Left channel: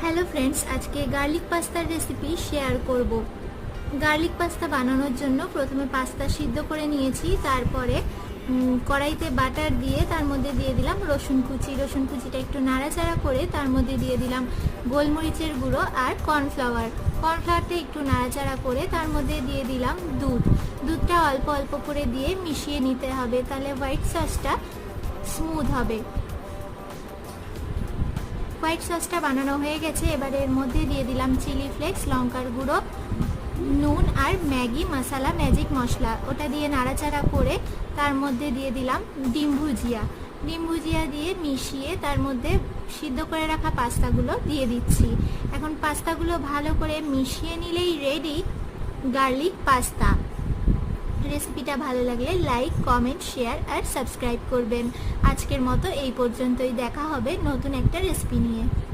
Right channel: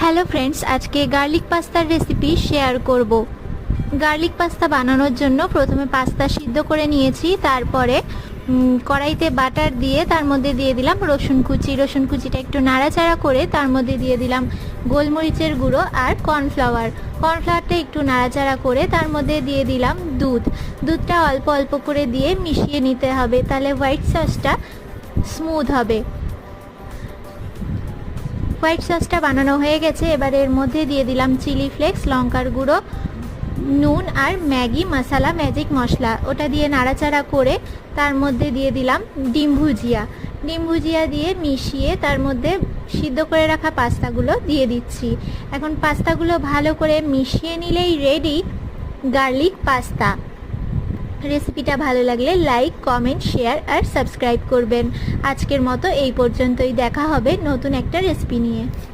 Hello friends, আজকে garlic পাস্তার recipe share করব। Garlic pasta বানানোর জন্য প্রথমে পাস্তা সিদ্ধ করে নিয়েছি। তারপরে কড়াইতে বাটার দিয়ে তার মধ্যে দিয়ে দিলাম রসুন কুচিটা একটু নাড়াচাড়া করে তার মধ্যে দিয়ে দিলাম গোলমরিচের গুঁড়ো আর কর্নফ্লাওয়ারটা একটু নাড়াচাড়া করে তার মধ্যে দিয়ে দিলাম দুধটা অল্প অল্প করে দিয়ে মিশিয়ে নিতে হবে, তাহলে হোয়াইট সসটা স্মুথ হবে। হোয়াইট সসটা বানানো হয়ে গেছে। এবার এর মধ্যে দিয়ে দিলাম চিলি ফ্লেক্স, লঙ্কার গুঁড়ো, নুন আর ম্যাগি মশলা, ম্যাজিক মশলা, ওটা দিয়ে নাড়াচাড়া করে তার মধ্যে দিয়ে দিলাম ডিম ভুজিয়া দিয়ে মিশিয়ে তার মধ্যে সিদ্ধ করে রাখা পাস্তাগুলো দিয়ে দিচ্ছি। এখন পাস্তাগুলো ভালো করে মিশিয়ে নিলেই রেডি গার্লিক পাস্তা। রেসিপিটা ভালো লাগলে লাইক, কমেন্ট, শেয়ার আর সাবস্ক্রাইব করবেন। আজকের মতো এই পর্যন্তই, দেখা হবে নতুন একটা রেসিপি নিয়ে।